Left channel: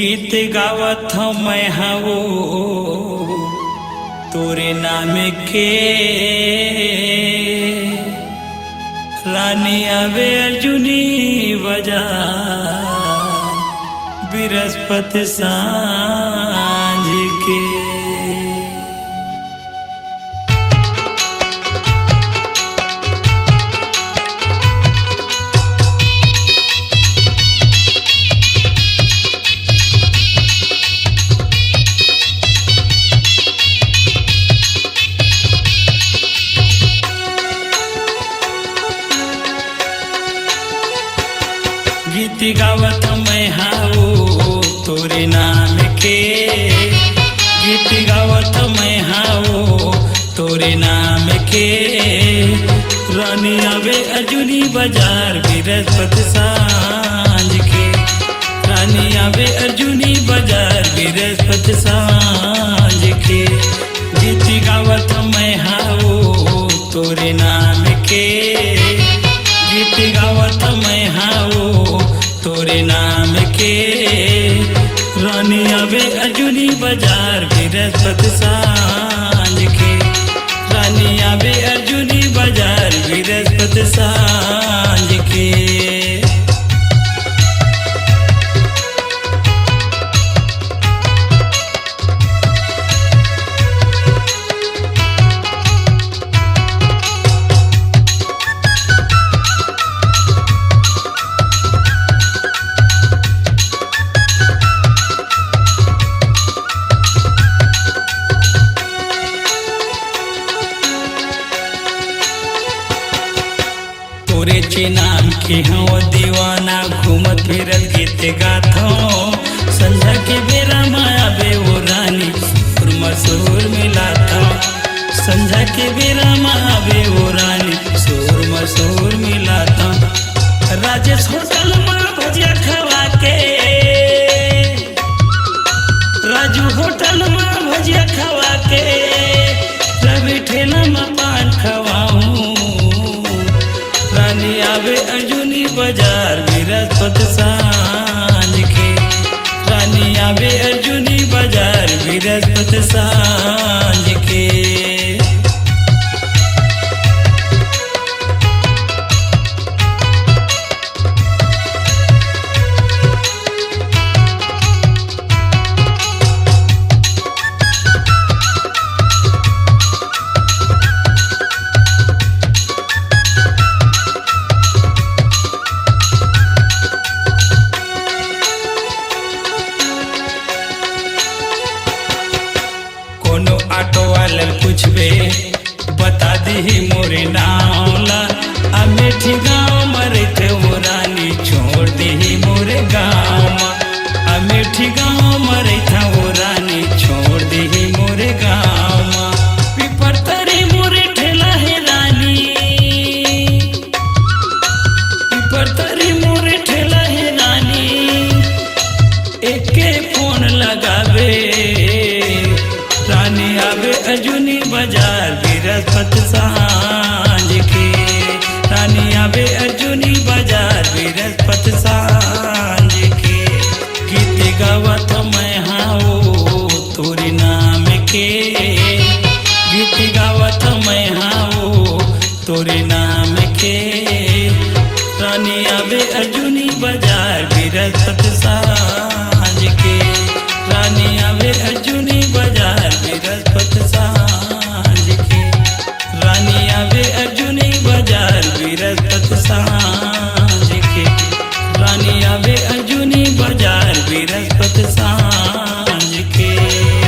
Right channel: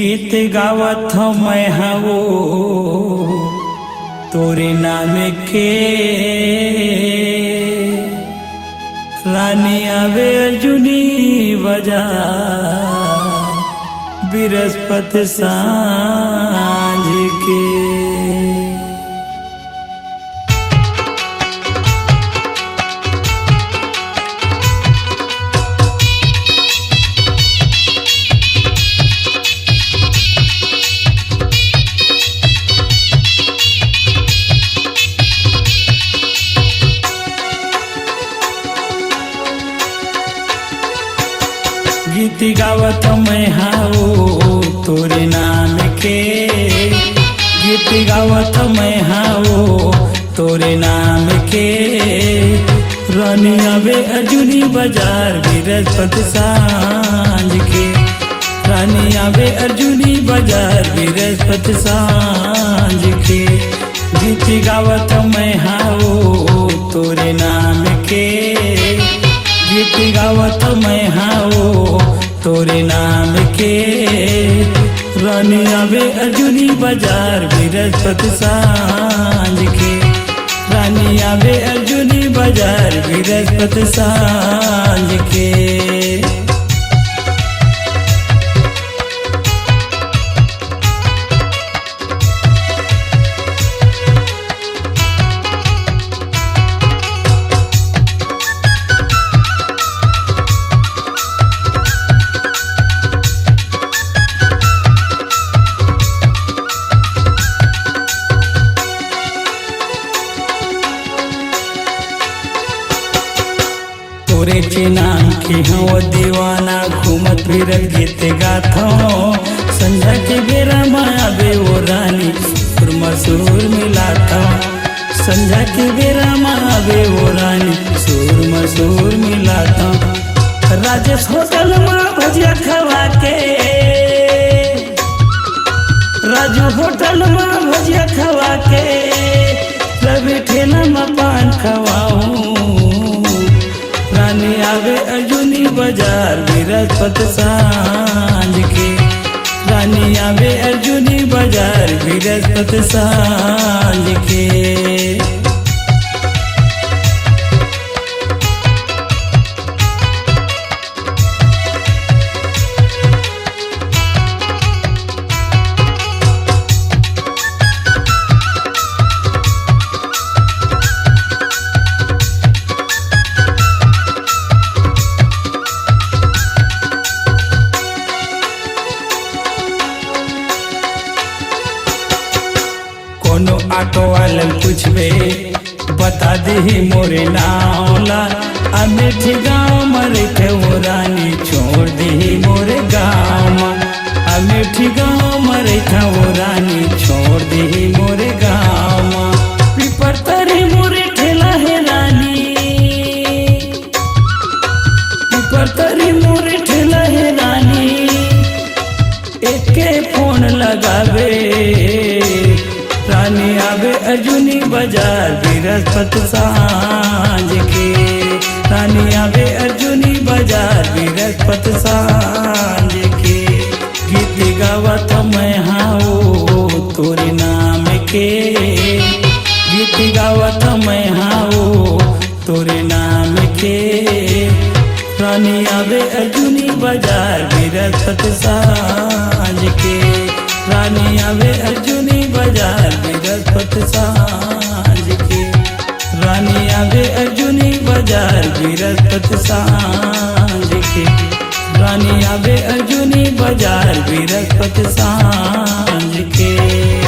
गीत गावत मैं हवो तोरे नाम के रानी आवे अर्जुनी बजा बृहस्पति सांझ के। गीत गावत मैं हाओ तोरे नाम के, गीत गावत मैं हाओ तोरे नाम के रानी आवे अर्जुनी बाजार बृहस्पति सांझ के, रानी आवे अर्जुनी बाजार बृहस्पति सांझ के। गीत गावत मैं हाओ तोरे नाम के, गीत गावत मैं हाओ तोरे नाम के रानी आवे अर्जुनी बाजार बृहस्पति सांझ के, रानी आवे अर्जुनी बाजार बृहस्पति सांझ के। तोरे चे नाम के हूँ दीवाना घूमत फिरत गीत गात हूँ, संझा के बेरा माया बे वो रानी सुर मसूर मिलाता हूँ, संझा के बेरा माया बे वो रानी सुर मसूर मिलाता हूँ। राजेश होटल माँ भजिया खवा के, राजू होटल माँ भजिया खवा के, रवि ठेला में पान खवाऊँ रानी आवे अर्जुनी बाजार बृहस्पति सांझ के, रानी आवे अर्जुनी बाजार बृहस्पति सांझ के। कोनो ऑटो वाले पूछबे बता दी मोरे नावला, अमेठी गाँव मरे थे वो रानी छोड़ दी मोरे गाँव, अमेठी गाँव मरे था वो रानी छोड़ दी मोरे गाँव। पीपर तरी मोरे ठेला है रानी, पीपर तरी मोरे ठेला है रानी, एके फोन लगावे रानी आवे अर्जुनी बाजार बृहस्पति सांझ के, रानी आवे अर्जुनी बाजार बृहस्पति सांझ के। गीत गावत मैं हाओ तोरे नाम के, गीत गावत मैं हाओ तोरे नाम के रानी आवे अर्जुनी बाजार बृहस्पति सांझ के, रानी आवे अर्जुनी बाजार बृहस्पति सांझ के, रानी आवे अर्जुनी बाजार बृहस्पति सांझ के, रानी आवे अर्जुनी बाजार बृहस्पति सांझ के।